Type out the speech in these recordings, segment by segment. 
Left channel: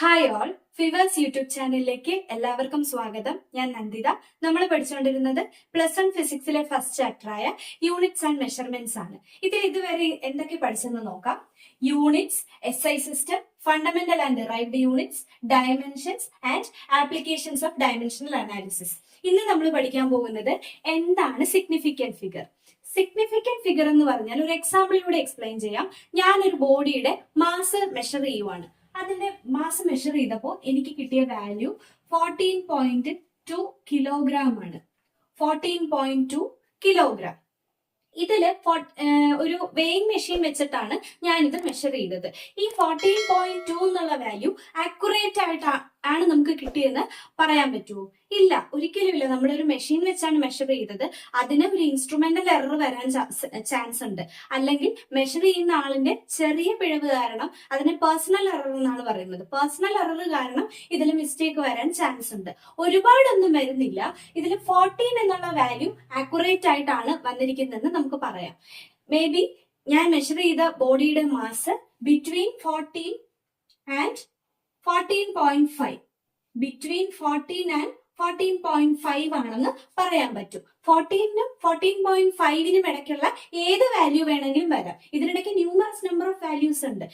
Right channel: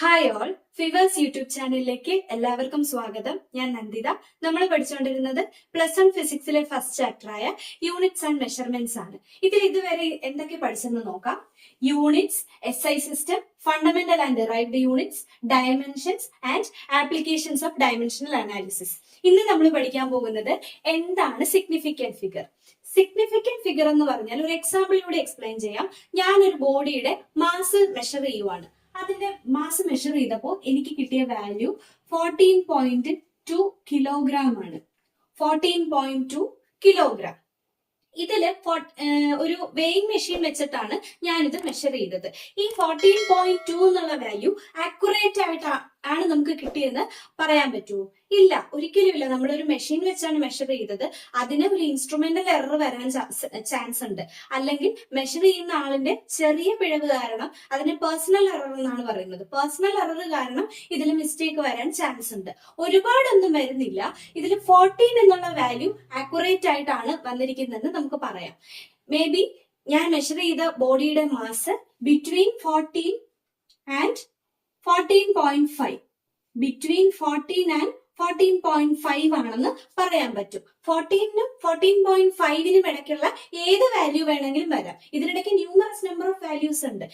Hi all, ഫിവേഴ്സ് YouTube ചാനലിലേക്ക് എല്ലാവർക്കും സ്വാഗതം. ഞാൻ നന്ദിത. നമ്മൾ പഠിച്ചുകൊണ്ടിരുന്നത് +1 ഫിസിക്സിലെ ഫസ്റ്റ് ചാപ്റ്ററായ യൂണിറ്റ്സ് ആൻഡ് മെഷർമെന്റ്സ് ആണ്. ഇതിൽ ഇതുവരെ എന്തൊക്കെ പഠിച്ചെന്ന് നോക്കാം. Units, SI system, fundamental and derived units, dimensions and applications of dimensional analysis. ഇന്ന് നമ്മൾ പഠിക്കാൻ പോകുന്നത് എന്താണ് സിഗ്നിഫിക്കന്റ് ഫിഗർ. സിഗ്നിഫിക്കന്റ് ഫിഗർ എന്ന് പറഞ്ഞാൽ ഒരു എക്സാമ്പിളിലൂടെ എക്സ്പ്ലെയിൻ ചെയ്യാം. ഞാനൊരു ബോഡിയുടെ മാസ് മെഷർ ചെയ്യുവാണ്. അതിന്റെ മാസ് മെഷർ ചെയ്തപ്പോൾ എനിക്ക് കിട്ടിയ വാല്യൂ 14.2 കിലോഗ്രാം ആണ്. 14.2 കിലോഗ്രാം. ഇതില് ഒരു വെയിങ് മെഷീൻ വെച്ചിട്ടാണ് ഞാനിത് മെഷർ ചെയ്തത്. ഈ 14.2 എന്നുള്ള വാല്യൂ ആക്യുറേറ്റ് ആയിട്ടാണ് നമുക്ക് കിട്ടിയെന്ന് പറയാൻ പറ്റുമോ? ഇല്ല, ഒരിക്കലും ഇല്ല. നമ്മളൊരു മെഷീൻ വെച്ചാണ് മെഷർ ചെയ്തത്. അതിന് ഒരു ഇൻസ്ട്രുമെന്റൽ എറർ വരാൻ ചാൻസ് ഉണ്ട്. അല്ലെങ്കിൽ മെഷർ ചെയ്യുന്ന ആളിന്റെ ചെറിയ പിഴവ് കാരണം അതിനെ പേഴ്സണൽ എറർ എന്നാണ് പറയുന്നത്. പേഴ്സണൽ എറർ കാരണം ഇതിൽ മിസ്റ്റേക്ക് വരാൻ ചാൻസ് ഉണ്ട്. ഒരുപാടൊന്നും വരുന്നില്ല. ഇതിൽ 14 എന്നുള്ള വാല്യൂ ആക്യുറേറ്റ് ആയിട്ടാണ് വന്നിരിക്കുന്നതെന്ന് നമുക്ക് പറയാം. മേ ബി ഞാൻ മെഷർ ചെയ്ത ബോഡിയുടെ mass between 14 and 14.5, between 14 and 14.5 ആണെന്ന് പറയാൻ പറ്റും. 14നും 14.5നും ഇടയ്ക്കുള്ള ഏത് വാല്യൂ വേണമെങ്കിലും വരാം. ഇതിനിടയ്ക്ക് ന്യൂമറസ് നമ്പർ ഓഫ് വാല്യൂസ് ഉണ്ട്.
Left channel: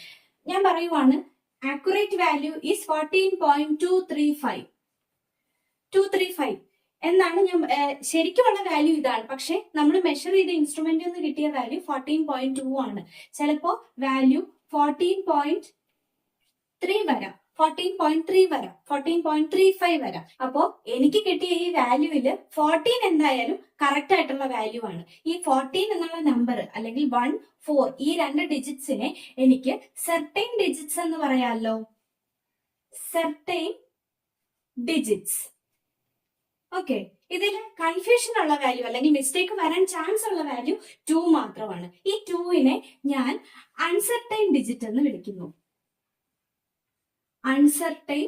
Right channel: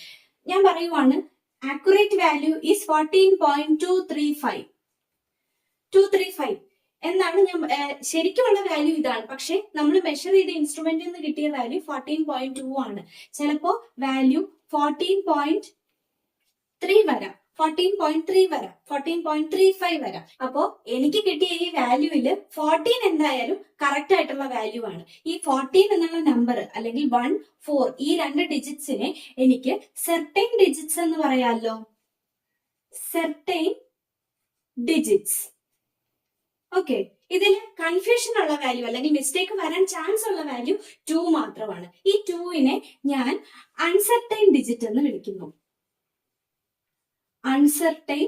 ഞാൻ പറയുവാണ്, ആക്യുറേറ്റ് വാല്യൂ ഈസ് 14.235 എന്നാണ് ഞാൻ ശരിക്കുമുള്ള വാല്യൂ ഇതാണ്. പക്ഷെ നമ്മൾ മെഷർ ചെയ്ത ഇൻസ്ട്രുമെന്റിൽ നിന്ന് കിട്ടിയ വാല്യൂ 14.2 ആണ്. ചിലപ്പോ വാല്യൂ 14.3 വരാം, 14.3 വരാം, 14.35 വരാം. അപ്പോ എനിക്ക് കിട്ടിയ ഈ വാല്യൂവില് 14 എന്തായാലും കറക്റ്റ് ആയിട്ടുള്ള വാല്യൂ ആണ്. ഈ 14 എന്നുള്ള നമ്പർ അല്ലെങ്കിൽ 1, 4 ഈ രണ്ട് ഡിജിറ്റ്സിനെ എനിക്ക് സെർട്ടൈൻ ഡിജിറ്റ്സ് എന്ന് പറയാമല്ലോ. Certain digits. ഓക്കെ, ഇതിൽ കൺഫ്യൂഷൻ ഉള്ള വാല്യൂ അല്ലെങ്കിൽ മിസ്റ്റേക്ക് വരാൻ ചാൻസ് ഉള്ള വാല്യൂ 2 മാത്രമാണ്. ഈ 2നെ ഞാൻ അൺസെർട്ടൈൻ ഡിജിറ്റ് എന്ന് വിളിക്കുന്നു. Uncertain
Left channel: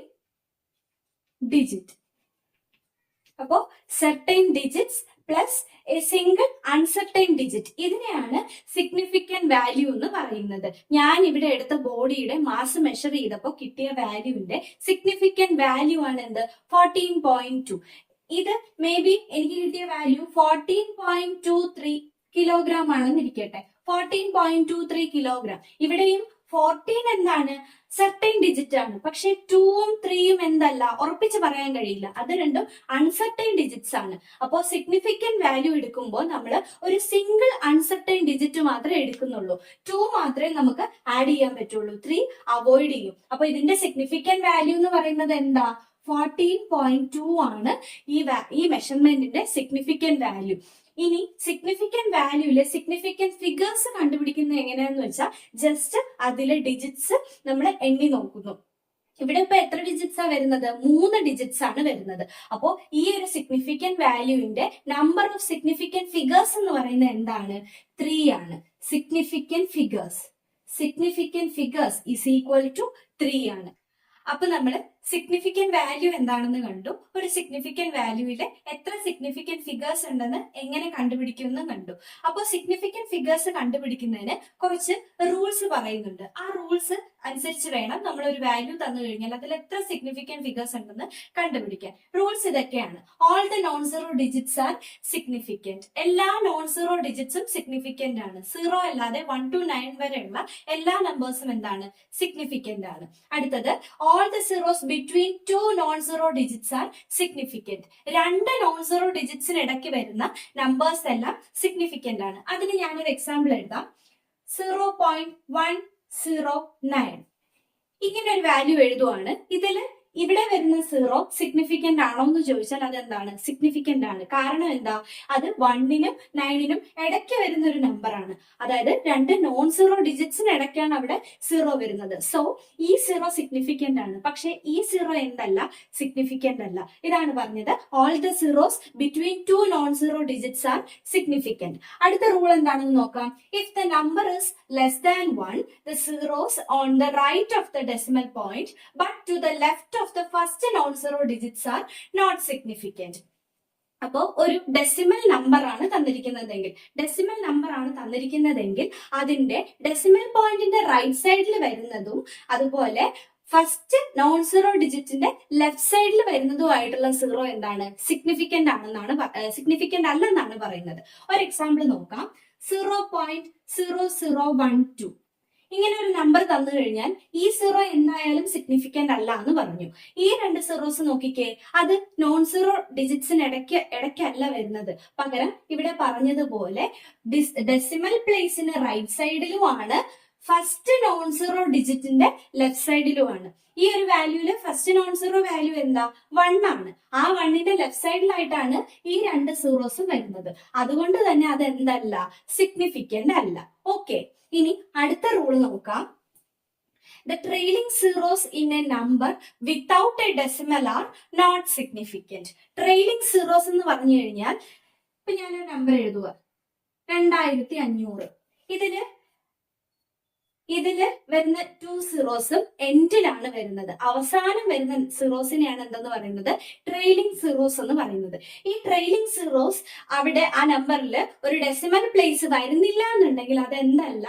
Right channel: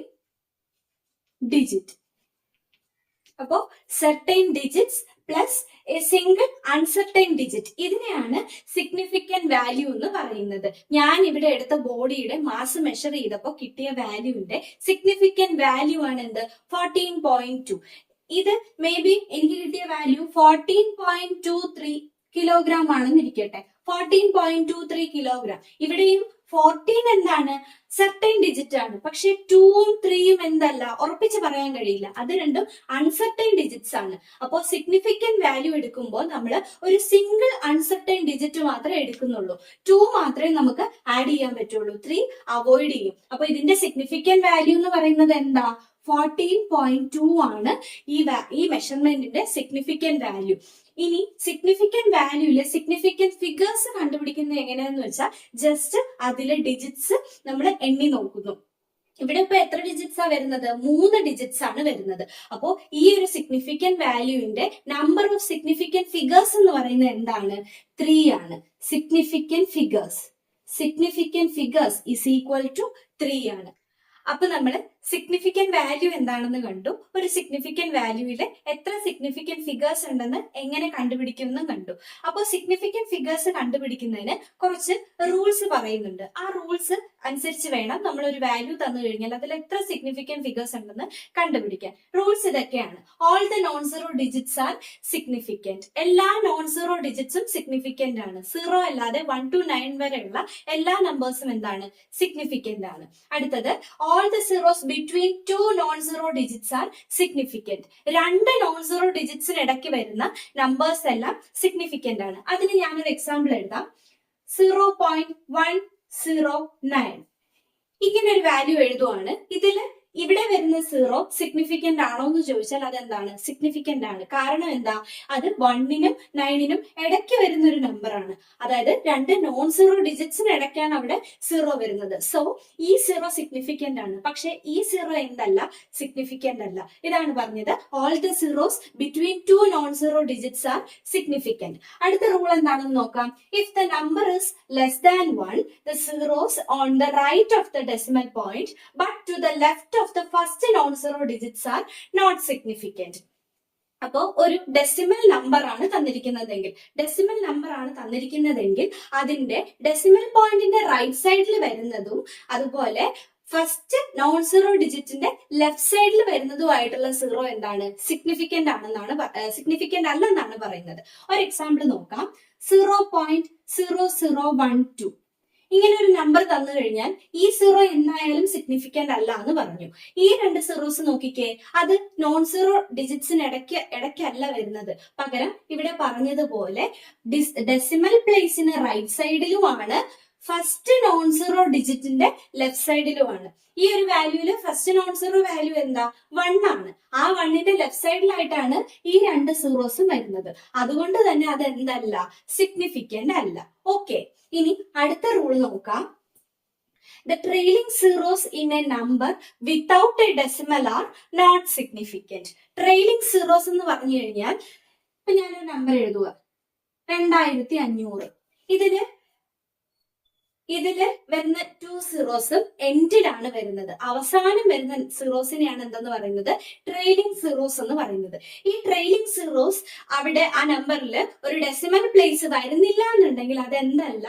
digit. അപ്പോ certain digits plus a single uncertain digit, ഇതിനെയാണ് സിഗ്നിഫിക്കന്റ് വാല്യൂ എന്ന് പറയുന്നത്. ഞാൻ ഇവിടെ എടുത്ത ബോഡിയുടെ മാസ് മെഷർ ചെയ്തപ്പോൾ കിട്ടിയ വാല്യൂവിന്റെ സിഗ്നിഫിക്കന്റ് വാല്യൂ ആണ് എന്ത്? 14.2. ഇത് മേ ബി എനിക്ക് കിട്ടിയ വാല്യൂ 14.23 കിലോഗ്രാം ആണെന്ന് ഇരിക്കട്ടെ. 14.23 കിലോഗ്രാം. ഇവിടെയും 14 എന്താണ്? സെർട്ടൈൻ ഡിജിറ്റ് ആണ്. പക്ഷെ 2ഉം 3ഉം എന്തല്ല, ഉറപ്പിച്ച് പറയാൻ കഴിയില്ല. അത് രണ്ടും അൺസെർട്ടൈൻ ഡിജിറ്റ്സ് ആണ്. അപ്പോൾ സിഗ്നിഫിക്കന്റ് വാല്യൂ എടുക്കുമ്പോൾ നമ്മൾ ഒരു സിംഗിൾ അൺസെർട്ടൈൻ ഡിജിറ്റ് മാത്രമേ എടുക്കുന്നുള്ളൂ. 2 മാത്രമേ നമുക്ക് ആഡ് ചെയ്യാൻ പറ്റുള്ളൂ, 3 അവോയ്ഡ് ചെയ്യും. അപ്പൊ ഇതിന്റെ സിഗ്നിഫിക്കന്റ് വാല്യൂ എന്ന് പറയുന്നത് എന്താ? 14.2 ആണ് ഈ മെഷർമെന്റിന്റെ സിഗ്നിഫിക്കന്റ് വാല്യൂ. ഇനി സിഗ്നിഫിക്കന്റ് വാല്യൂല് സിഗ്നിഫിക്കന്റ് ഫിഗേഴ്സ് കണ്ടുപിടിക്കുന്നത് എങ്ങനെയാന്ന് വെച്ചാൽ ജസ്റ്റ് അതിലെ ഡിജിറ്റ്സ് നമ്മൾ എണ്ണി നോക്കുന്നു. ഇവിടെ ഇപ്പൊ എത്ര ഡിജിറ്റ്സ് ആ വരുന്നത്? 3 ഡിജിറ്റ്സ് ആണ് വരുന്നത്. അപ്പോ ഈ ഒരു സിഗ്നിഫിക്കന്റ് വാല്യൂവിന്റെ നമ്പർ ഓഫ് സിഗ്നിഫിക്കന്റ് ഫിഗേഴ്സ് എന്ന് പറയുന്നത് എന്താണ്? 3 ആണ്. Significant figures is equal to 3 ആണ്. അപ്പൊ നമ്മൾ സിഗ്നിഫിക്കന്റ് വാല്യൂ എന്താണെന്ന് കണ്ടു. ഒരു സിഗ്നിഫിക്കന്റ് വാല്യൂവില് എത്ര സിഗ്നിഫിക്കന്റ് ഫിഗേഴ്സ് ഉണ്ടെന്ന് എങ്ങനെ കണ്ടുപിടിക്കുമെന്ന് കണ്ടു. അപ്പോൾ സിഗ്നിഫിക്കന്റ് ഫിഗേഴ്സ് കണ്ടുപിടിക്കുന്നതിന് കുറച്ച് റൂൾസ് പറയുന്നുണ്ട്. ആ റൂൾസ് അനുസരിച്ച് വേണം നമ്മൾ ഒരു വാല്യൂ തന്നു കഴിഞ്ഞാൽ അതിൽ എത്ര സിഗ്നിഫിക്കന്റ് ഫിഗേഴ്സ് ഉണ്ടെന്ന് കണ്ടുപിടിക്കാൻ. റൂൾസ് ഇതൊക്കെയാണ്. All the non zero digits R significant. എല്ലാ നോൺ സീറോ ഡിജിറ്റ്സും സിഗ്നിഫിക്കന്റ് ആണ്. 0 അല്ലാതെ 1 to 9 വരെയുള്ള എല്ലാ നമ്പേഴ്സും എന്താണ്? സിഗ്നിഫിക്കന്റ് ആണ്. അടുത്തത്, all the zeros between two non-zero digits are significant. 2 non-zero digitsന് ഇടയ്ക്ക് വരുന്ന നമ്പേഴ്സ് എല്ലാം സിഗ്നിഫിക്കന്റ് ആണ്. അതിന് ഞാനൊരു എക്സാമ്പിൾ എഴുതാം. 0.109 ഇങ്ങനെ ഒരു വാല്യൂ എഴുതുവാണ്. ഇതില് ഇവിടെ വരുന്ന 0 സിഗ്നിഫിക്കന്റ് ആണോ എന്ന് ചോദിച്ചാൽ അതെന്താണ്? സിഗ്നിഫിക്കന്റ് ആണ്. കാരണം എന്താ? അത് 1നും 9നും ഇടയ്ക്ക് വരുന്ന ഒരു നമ്പർ ആണ്. അതായത് 2 നോൺ സീറോ ഡിജിറ്റ്സിന് ഇടയ്ക്കാണ് അവിടെ 0 വരുന്നത്. സോ ഈ 0 സിഗ്നിഫിക്കന്റ് ആണ്. പക്ഷെ ഈ 0 എന്തല്ല? സിഗ്നിഫിക്കന്റ് അല്ല. ഇതാണ് പറഞ്ഞത്, all the zeros between 2 non zero digits R significant. അടുത്ത റൂൾ എന്താണെന്ന് നോക്കാം. If the number is less than 1, the zeros on the right of the decimal point but to the left of the first non-zero digits are not significant. അപ്പോ ഒരു decimal number ആണ് തന്നിരിക്കുന്നതെങ്കിൽ അതിന്റെ decimal പോയിന്റിന്റെ right സൈഡിൽ വരുന്നതും അതുപോലെ first non zero ഡിജിറ്റിന്റെ left സൈഡിൽ വരുന്നതുമായിട്ടുള്ള സീറോ എന്താണ്? സിഗ്നിഫിക്കന്റ് സിഗ്നിഫിക്കന്റ് അല്ലെന്നാണ് പറയുന്നത്. ഒരു എക്സാമ്പിൾ നോക്കാം. 0.0012 ഇങ്ങനെ ഒരു നമ്പർ തന്നു കഴിഞ്ഞാൽ ഈ സീറോ എന്തായാലും സിഗ്നിഫിക്കന്റ് അല്ല എന്ന് പറഞ്ഞു. ഈ രണ്ട് സീറോസ് നോക്കിക്കേ, അത് നോൺ സീറോ ഡിജിറ്റ്സിന് ഇടയ്ക്കല്ല വരുന്നത്. പകരം ഇവിടെ പറഞ്ഞതുപോലെ ഡെസിമൽ പ്ലേസിന് റൈറ്റ് സൈഡിലുമാണ്, ഫസ്റ്റ് നോൺ സീറോ ഡിജിറ്റിന്റെ ലെഫ്റ്റ് സൈഡിലുമാണ്. ഈ ഒരു വാല്യൂല് ഫസ്റ്റ് നോൺ സീറോ വാല്യൂ എന്താ? 1 ആണ്. ആ 1ന്റെ ലെഫ്റ്റ് സൈഡിലായിട്ടാണ് ഈ രണ്ട് സീറോസും വരുന്നത്. അതുകൊണ്ട് തന്നെ അത് എന്തല്ല? സിഗ്നിഫിക്കന്റ് അല്ല. ഓക്കെ, ഇനി അടുത്ത റൂൾ നോക്കാം. The trailing zeros in a number without a decimal are not significant. Trailing zeros എന്ന് പറഞ്ഞു കഴിഞ്ഞാൽ, ഇപ്പൊ ഞാനൊരു നമ്പർ എഴുതുക, 2500. ഇതില് വരുന്ന 2 സീറോസും എൻഡിലാണ് വരുന്നത്. അവസാനം വരുന്ന സീറോസിനെയാണ് എന്തെന്ന് പറയുന്നത്? ട്രെയിലിംഗ് സീറോസ് എന്ന് പറയുന്നത്. ഈ ട്രെയിലിംഗ് സീറോസ് അവിടെ ആ നമ്പറിൽ ഒരു ഡെസിമൽ പ്ലേസ് വരുന്നില്ല എന്നുണ്ടെങ്കിൽ അത് എന്തല്ല?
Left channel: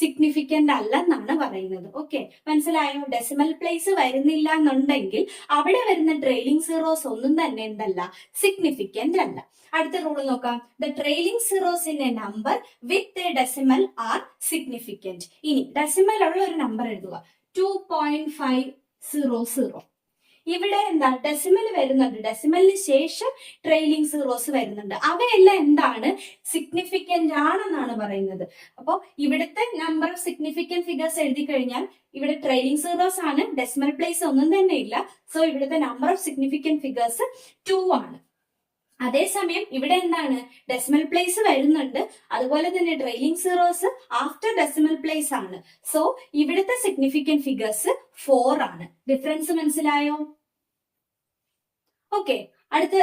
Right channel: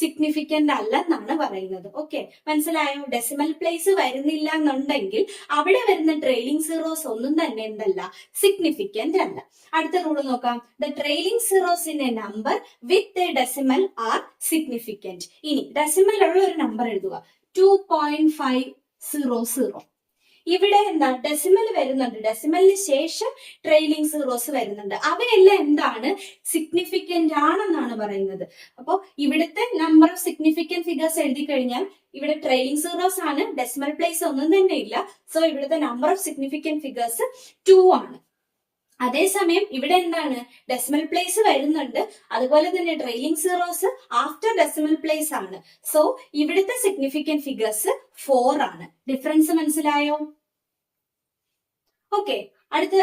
സിഗ്നിഫിക്കന്റ് അല്ല എന്നാണ് പറയുന്നത്. ഓക്കെ, മനസ്സിലായോ? ഡെസിമൽ പ്ലേസ് വരുന്നില്ല എന്നുണ്ടെങ്കിൽ അവിടെ വരുന്ന ട്രെയിലിംഗ് സീറോസ് ഒന്നും തന്നെ എന്തല്ല? സിഗ്നിഫിക്കന്റ് അല്ല. അടുത്ത റൂൾ നോക്കാം. The trailing zeros in A number with a decimal R significant. ഇനി ഡെസിമൽ ഉള്ള ഒരു നമ്പർ എഴുതുക, 2.500. ഇവിടെ എന്താ? ഡെസിമൽ വരുന്നുണ്ട്, ഡെസിമലിന് ശേഷം ട്രെയിലിംഗ് സീറോസ് വരുന്നുണ്ട്. അവയെല്ലാം എന്താണ്? സിഗ്നിഫിക്കന്റ് ആണെന്നാണ് പറയുന്നത്. അപ്പൊ ഇവിടുത്തെ നമ്പർ ഓഫ് സിഗ്നിഫിക്കന്റ് ഫിഗേഴ്സ് എഴുതി കഴിഞ്ഞാൽ ഇവിടെ ട്രെയിലിംഗ് സീറോസ് ആണ്, ഡെസിമൽ പ്ലേസ് ഒന്നും തന്നെ ഇല്ല. സോ ഇവിടുത്തെ നമ്പർ ഓഫ് സിഗ്നിഫിക്കന്റ് ഫിഗേഴ്സ് 2 ആണ്. അതേസമയം ഇവിടെ എന്താണ്? ഡെസിമൽ പ്ലേസ് വരുന്നുണ്ട്, അതുപോലെ തന്നെ trailing zeros after decimal place ആണ്. സോ ഇവിടുത്തെ സിഗ്നിഫിക്കന്റ് ഫിഗേഴ്സ് 4 ആണ്. ഡിഫറൻസ് മനസ്സിലായോ? ഓക്കെ, അടുത്ത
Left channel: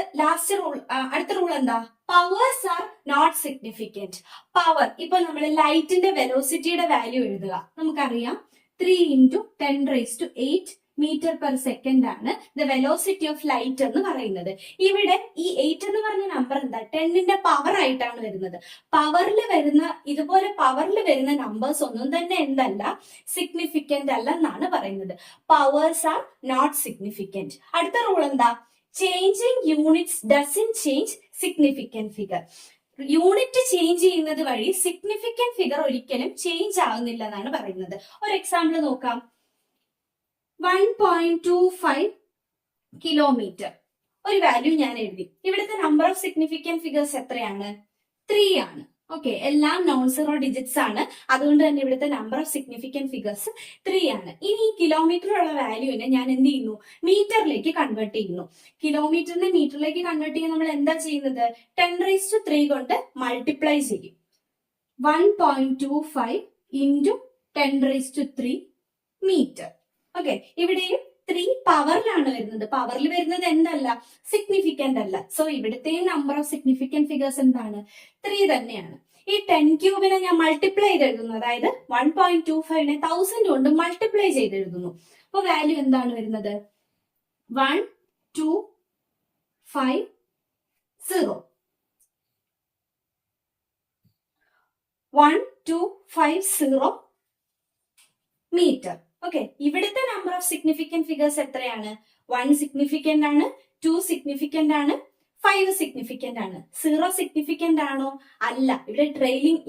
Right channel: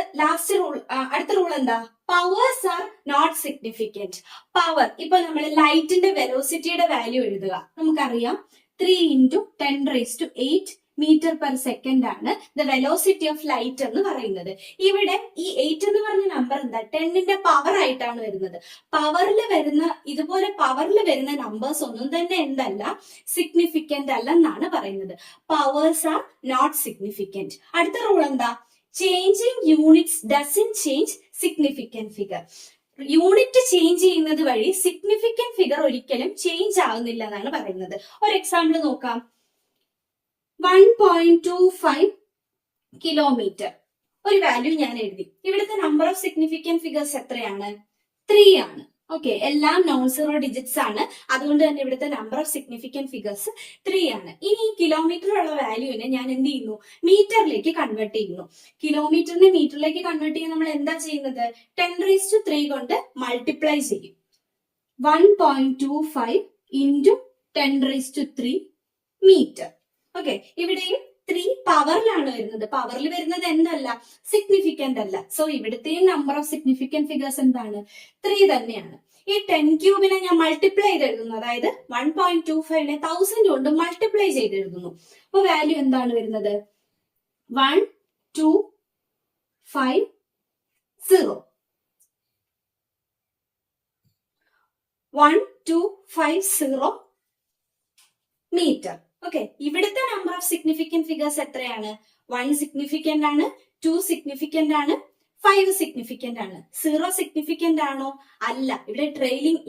റൂൾ എന്താ? Powers are not significant. Power, ഇപ്പൊ നമ്മൾ ലൈറ്റിന്റെ വെലോസിറ്റിയുടെ വാല്യൂ എഴുതുക. നമുക്കറിയാം 3 × 10⁸ മീറ്റർ പെർ സെക്കൻഡ് ആണ് ദ വെലോസിറ്റി ഓഫ് ലൈറ്റ് എന്ന് പറയുന്നത്. ഇവിടെ ഈ 8 എന്ന് പറഞ്ഞ നമ്പർ എന്താ? 10ന്റെ പവർ ആയിട്ടാണ് വരുന്നത്. ഇതുപോലെ പവറിൽ വരുന്ന നമ്പേഴ്സ് ഒന്നും തന്നെ എന്തല്ല? സിഗ്നിഫിക്കന്റ് അല്ലെന്നാണ് പറയുന്നത്. Powers are not significant. അടുത്ത റൂൾ എന്താ? Changing units doesn't change significant figure. Unit change ചെയ്യുന്നത് വഴി സിഗ്നിഫിക്കന്റ് ഫിഗർ ഒരിക്കലും ചേഞ്ച് ആവുന്നില്ല എന്നാണ് പറയുന്നത്. ഒരു എക്സാമ്പിൾ നോക്കാം. 1.25 കിലോമീറ്റർ ഒരു വാല്യൂ ഞാൻ എഴുതി. ഇവിടുത്തെ നമ്പർ ഓഫ് സിഗ്നിഫിക്കന്റ് ഫിഗേഴ്സ് എത്രയാണ്? 3 ആണ്. ഓക്കെ, എല്ലാം നോൺ സീറോ ഡിജിറ്റ്സ് ആണ്. അതുകൊണ്ട് തന്നെ ഇവിടുത്തെ നമ്പർ ഓഫ് സിഗ്നിഫിക്കന്റ് ഫിഗേഴ്സ് 3 ആണ്. ഇനി ഈ കിലോമീറ്ററുള്ള വാല്യൂവിനെ ഞാൻ എന്ത് ചെയ്യുന്നു? മീറ്ററിലേക്ക് കൺവേർട്ട് ചെയ്യുന്നു. കിലോമീറ്ററിനെ മീറ്ററിലേക്ക് കൺവേർട്ട് ചെയ്യാൻ നമ്മൾ എന്താ ചെയ്യുന്നത്? 10⁻³ കൊണ്ട് മൾട്ടിപ്ലൈ ചെയ്യും. 1.25 × 10⁻³ മീറ്റർ. ഓക്കെ, ഇവിടെയും 3 പവറിലാണ് വരുന്നത്. പവറിൽ വരുന്നത് എന്തല്ല? സിഗ്നിഫിക്കന്റ് അല്ല. സോ ഇവിടുത്തെയും നമ്പർ ഓഫ് സിഗ്നിഫിക്കന്റ് ഫിഗേഴ്സ് എന്താണ്? 3 തന്നെയാണ്. ഈ 10³ ഞാൻ മൾട്ടിപ്ലൈ ചെയ്ത് എഴുതുന്നു. അതായത് 1.25നെ 1000 കൊണ്ട് മൾട്ടിപ്ലൈ ചെയ്ത് എഴുതുന്നു. അപ്പൊ വാല്യൂ എന്താണ് വരുന്നത്? 1250. 1250 മീറ്റർ. ഓക്കെ, ഇവിടുത്തെ നമ്പർ ഓഫ് സിഗ്നിഫിക്കന്റ് ഫിഗേഴ്സ് എത്രയാണ്? 1 സിഗ്നിഫിക്കന്റ് ആണ്, 2 സിഗ്നിഫിക്കന്റ് ആണ്, 5 സിഗ്നിഫിക്കന്റ് ആണ്. 0 സിഗ്നിഫിക്കന്റ് ആണോ? അല്ല.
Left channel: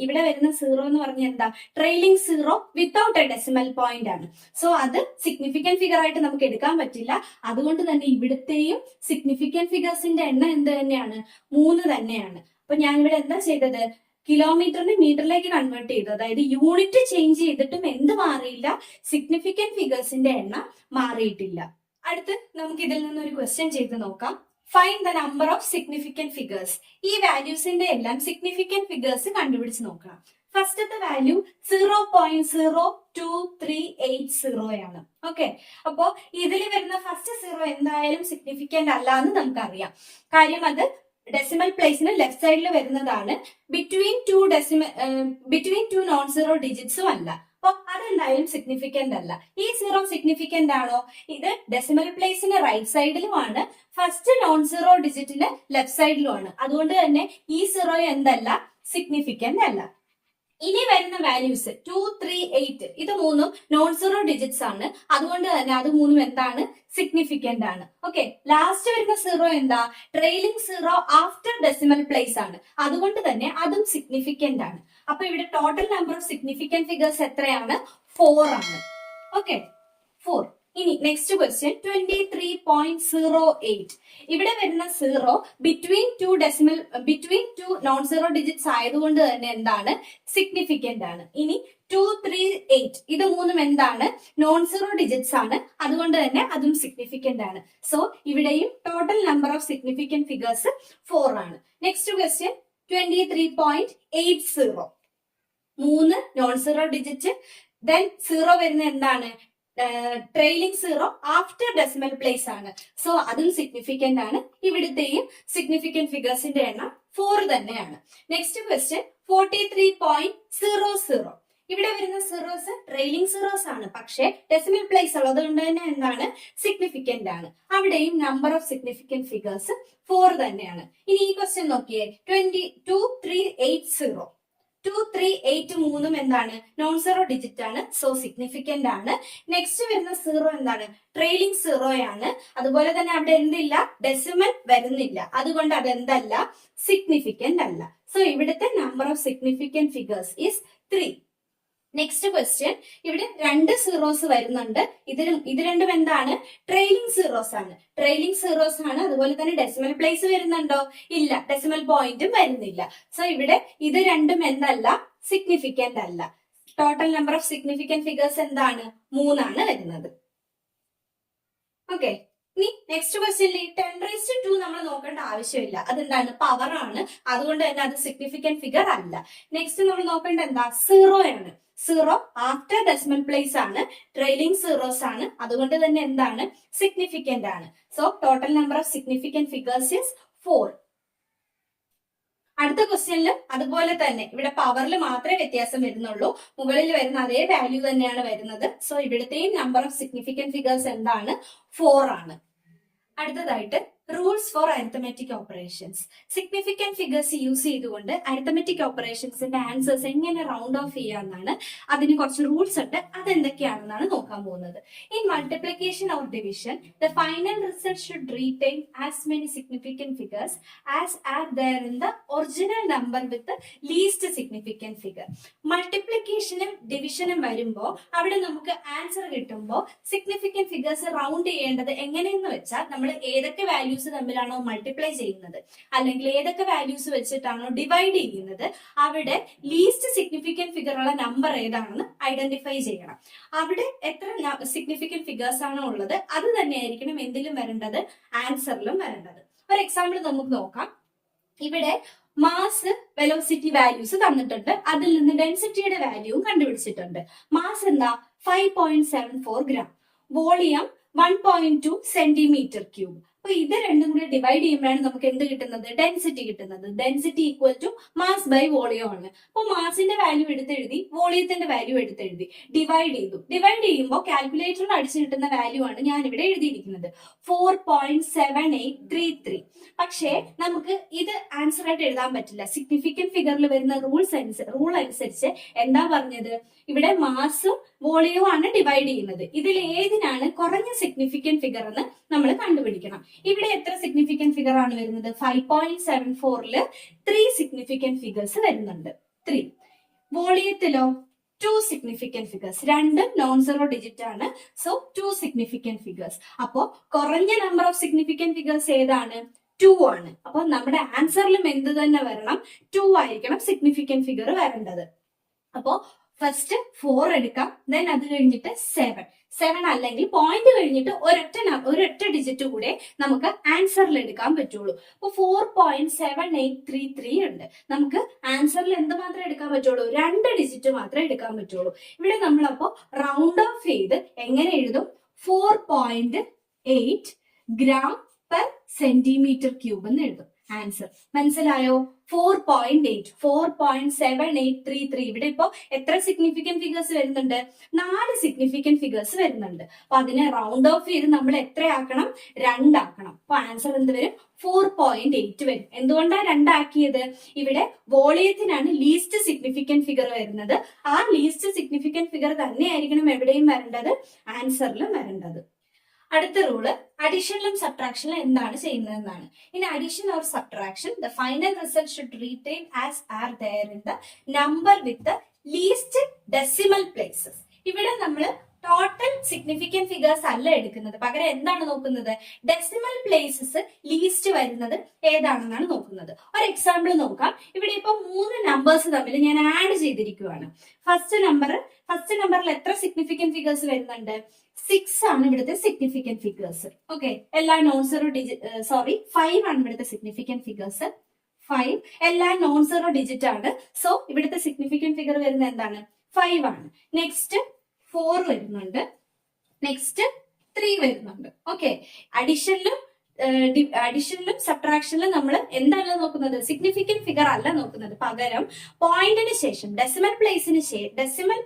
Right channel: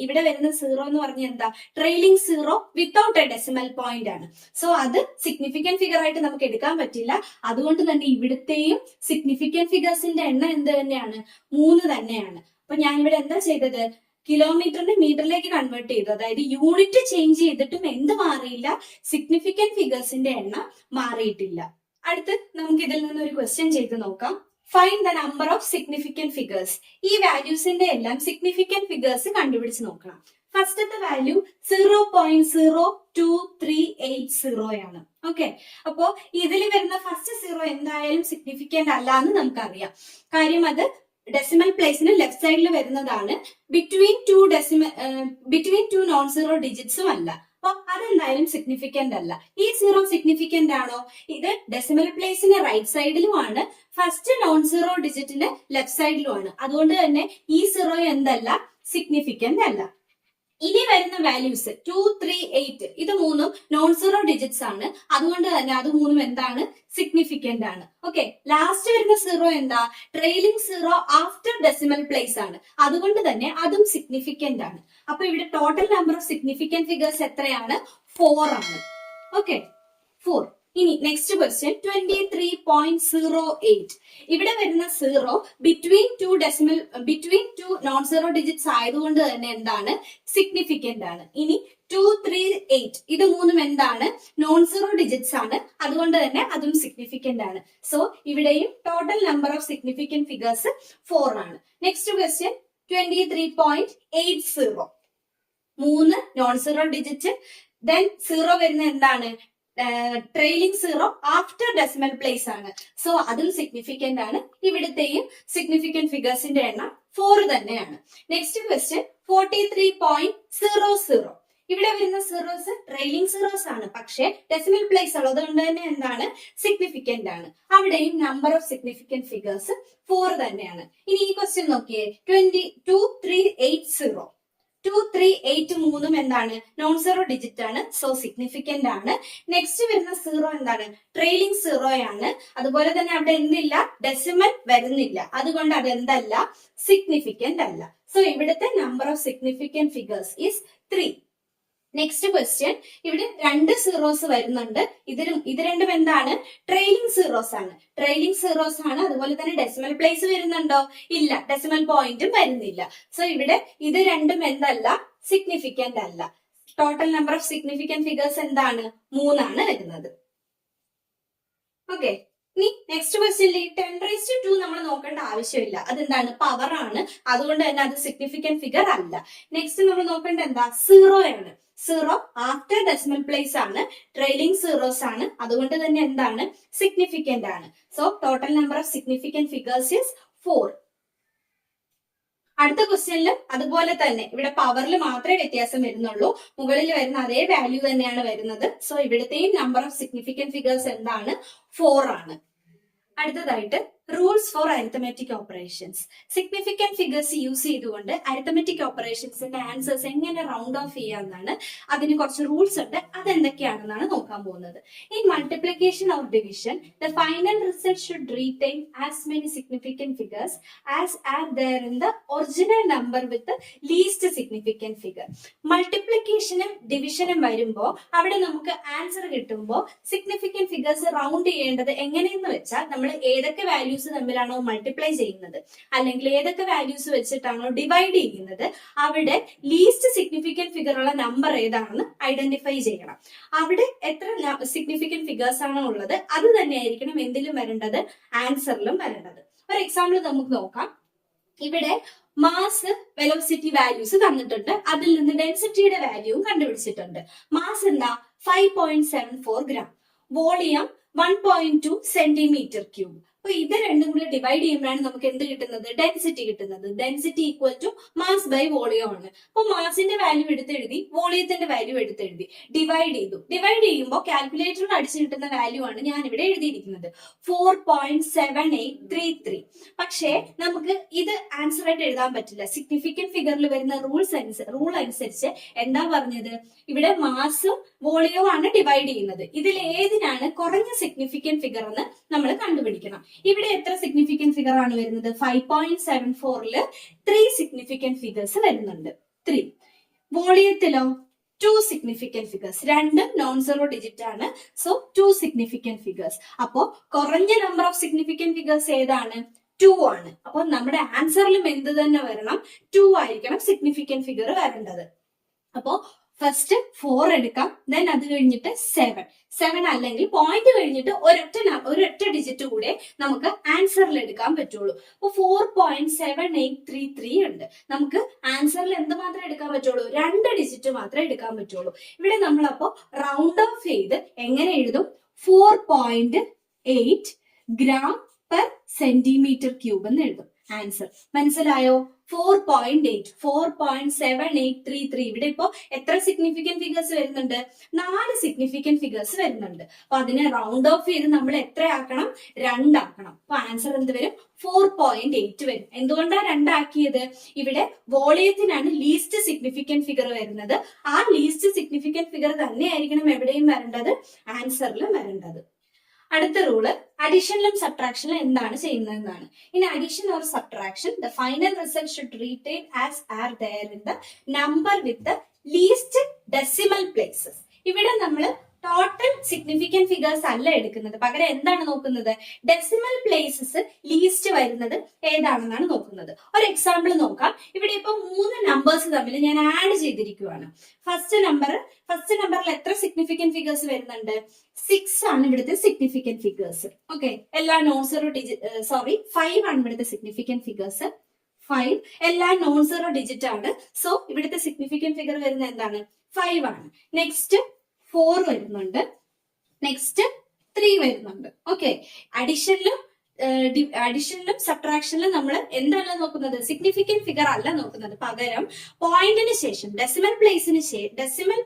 ഇവിടെ വരുന്ന 0 എന്ന് പറഞ്ഞാൽ എന്താ? Trailing zero without A decimal point ആണ്. സോ അത് സിഗ്നിഫിക്കന്റ് ഫിഗർ ആയിട്ട് നമുക്ക് എടുക്കാൻ പറ്റില്ല. അതുകൊണ്ട് തന്നെ ഇവിടുത്തെയും സിഗ്നിഫിക്കന്റ് ഫിഗേഴ്സിന്റെ എണ്ണം എന്ത് തന്നെയാണ്? 3 തന്നെയാണ്. അപ്പൊ ഞാൻ ഇവിടെ എന്താ ചെയ്തത്? കിലോമീറ്ററിനെ മീറ്ററിലേക്ക് കൺവേർട്ട് ചെയ്തു. അതായത് യൂണിറ്റ് ചേഞ്ച് ചെയ്തിട്ടും എന്ത് മാറിയില്ല? സിഗ്നിഫിക്കന്റ് ഫിഗേഴ്സിന്റെ എണ്ണം മാറിയിട്ടില്ല. അടുത്ത് നമുക്ക് ഇതിൽ നിന്ന് ഒരു ക്വസ്റ്റ്യൻ ചെയ്ത് നോക്കാം. Find the number of significant figures. ഈ വാല്യൂസിന്റെ എല്ലാം സിഗ്നിഫിക്കന്റ് ഫിഗേഴ്സ് കണ്ടുപിടിച്ച് നോക്കണം. ഫസ്റ്റത്തെ വാല്യൂ 0.02380 ആണ്. ഓക്കെ, അപ്പോ ഇതിൽ വരുന്ന ഫസ്റ്റ് 0 എന്തായാലും സിഗ്നിഫിക്കന്റ് അല്ല എന്ന് നമുക്കറിയാം. കാര്യം അത് ഡെസിമൽ പ്ലേസിന് ലെഫ്റ്റ് സൈഡിൽ വരുന്നതാണ്. ബിറ്റ്വീൻ ടു നോൺ സീറോ ഡിജിറ്റ്സും അല്ല. അപ്പൊ അതെന്തായാലും സിഗ്നിഫിക്കന്റ് അല്ല. ഈ 0 സിഗ്നിഫിക്കന്റ് ആണോ? ഇത് ഡെസിമൽ പ്ലേസിന് റൈറ്റ് സൈഡിലുമാണ്, ഫസ്റ്റ് നോൺ സീറോ ഡിജിറ്റിന്റെ ലെഫ്റ്റ് സൈഡിലുമാണ്. അതുകൊണ്ട് തന്നെ ഈ 0 എന്തല്ല? സിഗ്നിഫിക്കന്റ് അല്ല. ഇനി വരുന്ന വാല്യൂസ് 2, 3, 8 ഇത് മൂന്നും നോൺ സീറോ ഡിജിറ്റ്സ് ആണ്. അതുകൊണ്ട് തന്നെ അത് മൂന്നും എന്താണ്? സിഗ്നിഫിക്കന്റ് ആണ്. ഓക്കെ, ലാസ്റ്റ് വരുന്ന സീറോ എന്താ? Trailing zero after decimal place ആണ്. അതുകൊണ്ട് തന്നെ അതും സിഗ്നിഫിക്കന്റ് ആണ്. അപ്പൊ ഇവിടെ total number of significant figures എത്രയാണ്? 4 ആണ്. ഓക്കെ, 4. ഇനി നെക്സ്റ്റ് ക്വസ്റ്റ്യൻ 23.08. ഇവിടെ വരുന്ന zero between two non zero digits ആയതുകൊണ്ട് തന്നെ എന്താണ്? സിഗ്നിഫിക്കന്റ് ആണ്. ഇനി 2, 3, 8 ഇത് മൂന്നും എന്താണ്? നോൺ സീറോ ഡിജിറ്റ്സ് ആണ്. അതുകൊണ്ട് തന്നെ അതും സിഗ്നിഫിക്കന്റ് ആണ്. സോ ഇവിടെയും total number of significant figures 4 ആണ്. Next question 23.80. 3 non zero digit, then zero വരുന്ന എന്താണ്? Trailing zero after decimal place ആണ്. സോ അതും സിഗ്നിഫിക്കന്റ് ആണ്. ഇവിടുത്തെയും സിഗ്നിഫിക്കന്റ് ഫിഗേഴ്സിന്റെ എണ്ണം 4 തന്നെയാണ്. Next question 43.00. ഇവിടെ വരുന്ന സീറോസ് ട്രെയിലിംഗ് സീറോസ് ആണ്, പക്ഷേ ഡെസിമൽ പ്ലേസ് ഉള്ളത് കൊണ്ട് തന്നെ എന്താണ്? സിഗ്നിഫിക്കന്റ് ആണ്. അവിടെയും നമ്പർ ഓഫ് സിഗ്നിഫിക്കന്റ് ഫിഗേഴ്സ് 4 തന്നെയാണ്. ഇനി ഈ ക്വസ്റ്റ്യൻ നോക്കിയേ, 23.80. 2, 3, 8 മൂന്നും എന്താണ്? നോൺ സീറോ ഡിജിറ്റ് ആണ്. സോ സിഗ്നിഫിക്കന്റ് ആണ്. നെക്സ്റ്റ് വരുന്ന സീറോ എന്താണ്? ട്രെയിലിംഗ് സീറോ ആണ്. അതുപോലെ തന്നെ അവിടെ എന്തില്ല? ഡെസിമൽ വരുന്നില്ല. അതുകൊണ്ട് അത് എന്തല്ല? സിഗ്നിഫിക്കന്റ് അല്ല. സോ ഇവിടുത്തെ number of significant figures is 3. Next question, ഇവിടെ 2 സീറോസ് വരുന്നുണ്ട്. ഇത് രണ്ടും എന്താണ്? ട്രെയിലിംഗ് സീറോസ് ആണ്. ട്രെയിലിംഗ് സീറോസ് ആണ്. അതുപോലെ തന്നെ ഡെസിമൽ പ്ലേസ് വരുന്നുണ്ടോ? ഇല്ല, ഡെസിമൽ പോയിന്റും വരുന്നില്ല. സോ ഇവിടെ ഇത് രണ്ടും എന്തല്ല? സിഗ്നിഫിക്കന്റ് അല്ല. Total number of significant figures എന്താണ്? 3 ആണ് വരുന്നത്. ഓക്കെ, ഇനി നെക്സ്റ്റ് ക്വസ്റ്റ്യനിൽ 10⁻² നമ്മൾ നോക്കേണ്ട ആവശ്യമില്ല. അതെന്താണ്? പവർ ആണ്. അതുകൊണ്ട് തന്നെ അത് സിഗ്നിഫിക്കന്റ് ഫിഗർ അല്ല. നെക്സ്റ്റ് നമ്മൾ നോക്കേണ്ട എന്താ? സീറോ ആണ്. സീറോ ആഫ്റ്റർ ഡെസിമൽ പ്ലേസ് ആണ്. ട്രെയിലിംഗ് സീറോസ് ആണ്. അതുകൊണ്ട് തന്നെ എന്താണ്? സിഗ്നിഫിക്കന്റ് ആണ്. So total number of significant figures is 4. അടുത്ത ക്വസ്റ്റ്യനിലും അതുപോലെ തന്നെ ഇവിടെ പവറിൽ മാത്രമേ വ്യത്യാസം വരുന്നുള്ളൂ. മുകളിൽ വരുന്ന അതേ വാല്യൂ തന്നെയാണ് വരുന്നത്. സോ ഇവിടുത്തെയും നമ്പർ ഓഫ് സിഗ്നിഫിക്കന്റ് ഫിഗേഴ്സ് എന്താണ്? 4 ആണ്. അടുത്തതായിട്ട് rules for arithmetic operations. Significant figures use ചെയ്തുകൊണ്ട് അരിത്തമെറ്റിക് ഓപ്പറേഷൻസിന്റെ ആൻസേഴ്സ് എങ്ങനെ റൗണ്ട് ഓഫ് ചെയ്യാമെന്നാണ്. അതിന് കുറച്ച് റൂൾസ് ഉണ്ട്. അതെന്തൊക്കെയാണെന്നാണ് നോക്കാൻ പോകുന്നത്. In multiplication or division the final result should retain as many significant figures as are there in the original number with least significant figure. മൾട്ടിപ്ലിക്കേഷനും ഡിവിഷനും വരുമ്പോൾ അവിടെ നമുക്ക് ആൻസർ കിട്ടുമ്പോൾ സിഗ്നിഫിക്കന്റ് ഫിഗേഴ്സ് റൗണ്ട് ചെയ്യേണ്ടത് എങ്ങനെയെന്ന് വെച്ചാൽ നമ്മൾ ഏതൊക്കെ വാല്യൂസ് തമ്മിലാണോ മൾട്ടിപ്ലൈ ചെയ്യുന്നത്, അല്ലെങ്കിൽ ഏതൊക്കെ വാല്യൂസ് വെച്ചിട്ടാണോ ഡിവൈഡ് ചെയ്യുന്നത്, അവിടെ ലീസ്റ്റ് സിഗ്നിഫിക്കന്റ് ഫിഗർ ഉള്ള നമ്പർ ഏതാണെന്ന് ഐഡന്റിഫൈ ചെയ്യണം. അവിടെ എത്ര സിഗ്നിഫിക്കന്റ് ഫിഗേഴ്സ് ആണോ ഉള്ളത് അത് തന്നെയായിരിക്കണം എന്തിലും വരേണ്ടത്? ആൻസറിലും വരേണ്ടത്. ഒരു എക്സാമ്പിൾ നമുക്ക് നോക്കാം. ഇവിടെ മാസ്, വെലോസിറ്റി വാല്യൂസ് തന്നിട്ടുണ്ട്. അതിൽ നിന്ന് ഡെൻസിറ്റിയുടെ വാല്യൂവും കണ്ടുപിടിച്ചിട്ടുണ്ട്. മാസ് എന്താ? 5.74 ഗ്രാം. Volume 1.2 centimetre cube. അപ്പൊ ഇത് രണ്ടും കൂടി ഡിവൈഡ് ചെയ്യുമ്പോഴാണ് നമുക്ക് എന്ത് കിട്ടുന്നത്? ഡെൻസിറ്റി കിട്ടുന്നത്. Density equal to mass by volume ആണ്. അപ്പൊ മാസിന്റെ വാല്യൂ എടുത്തെഴുതി, വോളിയത്തിന്റെ വാല്യൂ എടുത്തെഴുതി, ഡിവൈഡ് ചെയ്തു. ഡിവൈഡ് ചെയ്യുമ്പോൾ കാൽക്കുലേറ്ററിൽ അടിച്ചു കിട്ടുന്ന വാല്യൂ ആണ് ഞാൻ ഇവിടെ എഴുതിയിരിക്കുന്നത്, 4.7833. പക്ഷേ നമുക്ക് ഇത് ആൻസർ ആയിട്ട് എഴുതാൻ പറ്റില്ല. സിഗ്നിഫിക്കന്റ് ഫിഗറിൽ വരുന്ന റൂൾ അനുസരിച്ച് എന്താ പറഞ്ഞത്? ഇവിടെ മാസും വോളിയവും ആണ് ഡിവൈഡ് ചെയ്യുന്നത്. ഇതിൽ ഏതിനാണ് കുറഞ്ഞ സിഗ്നിഫിക്കന്റ് ഫിഗർ എന്ന് നമ്മൾ കണ്ടുപിടിക്കണം. ഇവിടെ എത്ര സിഗ്നിഫിക്കന്റ് ഫിഗർ ആണ് വരുന്നത്? 5.74ല് 3 സിഗ്നിഫിക്കന്റ് ഫിഗേഴ്സ് വരുന്നുണ്ട്. 3. വോളിയത്തിലോ 2 സിഗ്നിഫിക്കന്റ് ഫിഗേഴ്സ്. രണ്ടും നോൺ സീറോ ഡിജിറ്റ് ആണ്. So 2 significant figures. അപ്പോ കുറഞ്ഞ നമ്പർ ഓഫ് സിഗ്നിഫിക്കന്റ് ഫിഗേഴ്സ് ഏതാണ്? 2 ആണ്. അപ്പൊ നമ്മുടെ ആൻസറിലും എന്ത് തന്നെ വരണം? 2 ആയിരിക്കണം സിഗ്നിഫിക്കന്റ് ഫിഗർ വരേണ്ടത്. അപ്പോ ഫസ്റ്റ് 4 എടുക്കാം, ദെൻ അത് കഴിഞ്ഞിട്ട് 7 അല്ലെങ്കിൽ പോയിന്റ് കഴിഞ്ഞിട്ട് ഒരൊറ്റ ഡിജിറ്റ് കൂടെ നമുക്ക് ആൻസറിൽ എടുക്കാൻ പറ്റുള്ളൂ. അപ്പൊ 4.7833 ഉണ്ട്. നമുക്ക് ആൻസറിൽ എന്ത് മാത്രമേ എടുക്കാൻ പറ്റുള്ളൂ? 2 ഡിജിറ്റ് മാത്രമേ എടുക്കാൻ പറ്റുള്ളൂ. ഇവിടെ നമ്മളപ്പോ റൗണ്ട് ഓഫ് ചെയ്ത് എങ്ങനെ എഴുതും? 4.8 ഗ്രാം പെർ സെന്റിമീറ്റർ ക്യൂബ് എന്ന് എഴുതും. ആൻസർ മനസ്സിലായോ? 4.7833. ഇവിടെ ഇപ്പോ എത്ര സിഗ്നിഫിക്കന്റ് ഫിഗേഴ്സ് വരുന്നുണ്ട്? 4 സിഗ്നിഫിക്കന്റ് ഫിഗേഴ്സ് വരുന്നുണ്ട്. അപ്പൊ അതിനെ റൗണ്ട് ഓഫ് ചെയ്ത് നമ്മൾ എത്രയാക്കണം? 2 ആക്കണം. അപ്പൊ ആൻസർ എന്ത് വരും? 4.8 വരും. എന്തുകൊണ്ടാണ് 2 ആക്കിയത്? ഇവിടെ വോളിയത്തിനാണ് ലീസ്റ്റ് സിഗ്നിഫിക്കന്റ് ഫിഗർ വരുന്നത്. ആ ലീസ്റ്റ് സിഗ്നിഫിക്കന്റ് ഫിഗർ തന്നെയായിരിക്കണം എവിടെയും വരേണ്ടത്, ആൻസറിലും വരേണ്ടത്. അടുത്ത റൂള് അഡീഷനിലും സബ്ട്രാക്ഷനിലും എന്താണ് ചെയ്യുന്നതെന്നാണ്. In addition or subtraction the final result should retain as are there in the number with the least decimal places. ഇവിടെ നമ്മൾ ടോട്ടൽ സിഗ്നിഫിക്കന്റ് ഫിഗേഴ്സ് അല്ല എടുക്കുന്നത്, പകരം എന്താണ് നോക്കുന്നത്? ഡെസിമൽ പ്ലേസസ് ലീസ്റ്റ് വരുന്നത് ഏതാണെന്നാണ് നോക്കുന്നത്. ഒരു എക്സാമ്പിൾ നോക്കാം. ഇവിടെ ഇപ്പൊ 3 നമ്പേഴ്സ് തമ്മിൽ ഞാൻ ആഡ് ചെയ്തിരിക്കുകയാണ്. ഫസ്റ്റ് നമ്പറിൽ എത്ര സിഗ്നിഫിക്കന്റ് ഫിഗേഴ്സ് വരുന്നുണ്ട്? 6 ആണ് ഇവിടുത്തെ സിഗ്നിഫിക്കന്റ് ഫിഗേഴ്സ്. ഓക്കെ, എല്ലാ നോൺ സീറോ 5 ആണ് ഇവിടുത്തെ സിഗ്നിഫിക്കന്റ് ഫിഗേഴ്സ്. 5 എല്ലാ നോൺ സീറോ ഡിജിറ്റ് ആണ്. സോ ഇവിടുത്തെ സിഗ്നിഫിക്കന്റ് ഫിഗർ വരുന്നത് എന്താണ്? 5 ആണ്. നെക്സ്റ്റ് 4 വരുന്നുണ്ട്, നെക്സ്റ്റ് 3 വരുന്നുണ്ട്. ഓക്കെ, അഡീഷനിലും സബ്ട്രാക്ഷനിലും നമ്മൾ എന്താണ് നോക്കുന്നത്? സിഗ്നിഫിക്കന്റ് ഫിഗർ അല്ല നോക്കുന്നത്, പകരം പോയിന്റിന് ശേഷം ഡെസിമൽ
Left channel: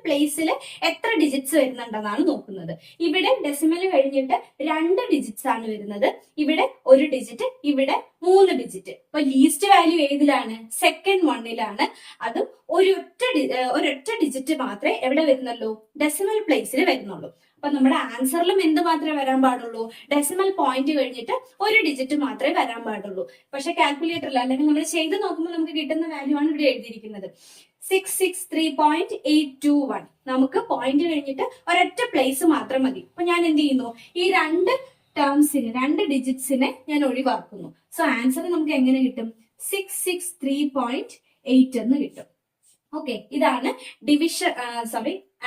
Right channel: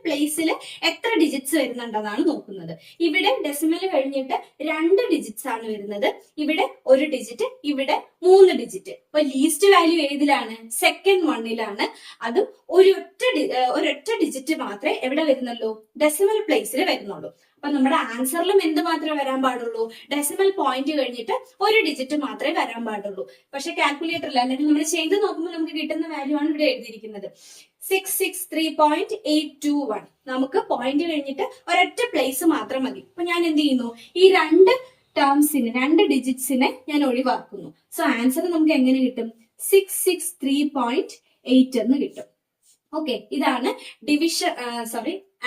പ്ലേസിൽ എത്ര ഡിജിറ്റ്സ് വരുന്നുണ്ടെന്നാണ് നോക്കുന്നത്. ഇവിടെ ഡെസിമൽ കഴിഞ്ഞിട്ട് 2 ഡിജിറ്റ്സ് ആണ് വരുന്നത്, ഇവിടെ 1 ഡിജിറ്റ്, ഇവിടെ 3 ഡിജിറ്റ്. അപ്പൊ ലീസ്റ്റ് വാല്യൂ ഏതിലാണ്? സെക്കൻഡ് വണ്ണിലാണ്. അതും ഒരൊറ്റ ഡിജിറ്റ് മാത്രമേ എവിടെ വരുന്നുള്ളൂ? ഡെസിമൽ പ്ലേസിൽ വരുന്നുള്ളൂ. അപ്പൊ നമ്മുടെ ആൻസറിലും എന്ത് മാത്രമേ വരാൻ പാടുള്ളൂ? ഡെസിമൽ പോയിന്റ് കഴിഞ്ഞിട്ട് 1 ഡിജിറ്റ് മാത്രമേ വരാൻ പാടുള്ളൂ. പക്ഷെ കാൽക്കുലേറ്ററിൽ അല്ലെങ്കിൽ നമ്മൾ ചെയ്ത് നോക്കുമ്പോൾ നമുക്ക് കിട്ടുന്ന വാല്യൂ ആണ് ഇവിടെ എഴുതിയിരിക്കുന്നത്, 663.821. നമുക്ക് പോയിന്റ് കഴിഞ്ഞിട്ട് ഒരൊറ്റ പ്ലേസ് മാത്രം മതി. അപ്പൊ ഞാൻ എന്ത് ചെയ്യുന്നു? ഈ 2 ഡിജിറ്റ്സിനെ ഞാൻ ഒഴിവാക്കുന്നു. സോ ആൻസർ നമുക്ക് എങ്ങനെ കിട്ടും? 663.8 എന്ന് കിട്ടും. ഓക്കെ, ഇതാണ്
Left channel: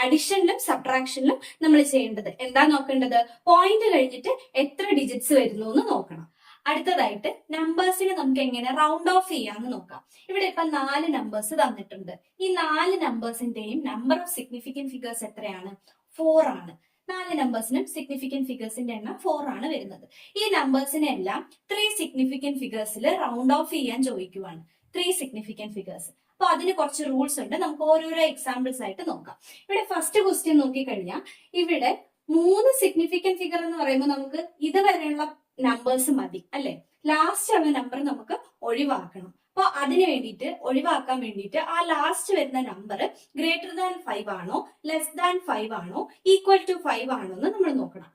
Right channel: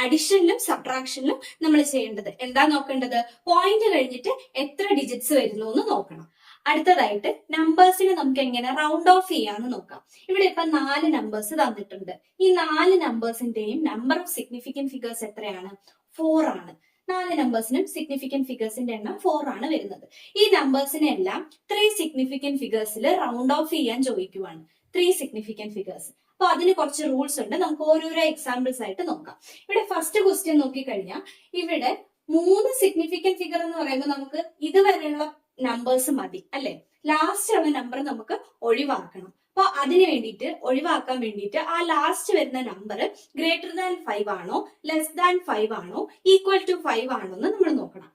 അഡിഷനിലും സബ്ട്രാക്ഷനിലും നമ്മൾ ചെയ്യേണ്ടത്. എന്താ നോക്കേണ്ടത്? പോയിന്റ് കഴിഞ്ഞിട്ട് എത്ര ഡിജിറ്റ്സ് വരുന്നു എന്ന് നോക്കണം. അടുത്തതായിട്ട് നമ്പേഴ്സിനെ നമുക്ക് എങ്ങനെ റൗണ്ട് ഓഫ് ചെയ്യാന്ന് നോക്കാം. ഇവിടെ ഇപ്പൊ 4 നമ്പേഴ്സ് തന്നിട്ടുണ്ട്. ഈ 4 നമ്പേഴ്സിന്റെയും നമ്പർ ഓഫ് സിഗ്നിഫിക്കന്റ് ഫിഗേഴ്സ് എത്രയാണ്? 4 ആണ്. 4 നമ്പേഴ്സിനും സിഗ്നിഫിക്കന്റ് ഫിഗേഴ്സിന്റെ എണ്ണം 4 ആണ് വരുന്നത്. ഈ നമ്പേഴ്സിനെ എല്ലാം 3 സിഗ്നിഫിക്കന്റ് ഫിഗേഴ്സിൽ റൗണ്ട് ഓഫ് ചെയ്യാൻ ചോദിക്കുവാണ്. 3 സിഗ്നിഫിക്കന്റ് ഫിഗേഴ്സ്. അപ്പൊ അതിന് കുറച്ച് റൂൾസ് ഉണ്ട്, നമുക്ക് ഓരോരോ എക്സാമ്പിൾസ് ആയിട്ട് നോക്കാം. ഇവിടെ ഫസ്റ്റ് ക്വസ്റ്റ്യൻ നോക്കിക്കഴിഞ്ഞാൽ ഇവിടെ 3 സിഗ്നിഫിക്കന്റ് ഫിഗർ എന്ന് പറയുമ്പോൾ നമുക്ക് ഇതുവരെയുള്ള നമ്പേഴ്സ് മതി അല്ലെ? ലാസ്റ്റ് ഉള്ള നമ്പർ നമുക്ക് ഒഴിവാക്കണം. അപ്പൊ ഒഴിവാക്കാൻ വേണ്ടിയിട്ട് ആ ലാസ്റ്റ് വരുന്ന നമ്പർ ഗ്രേറ്റർ ദാൻ 5 ആണോ, ലെസ് ദാൻ 5 ആണോ, ഈക്വൽ ടു 5 ആണോ എന്ന് നമ്മൾ നോക്കണം.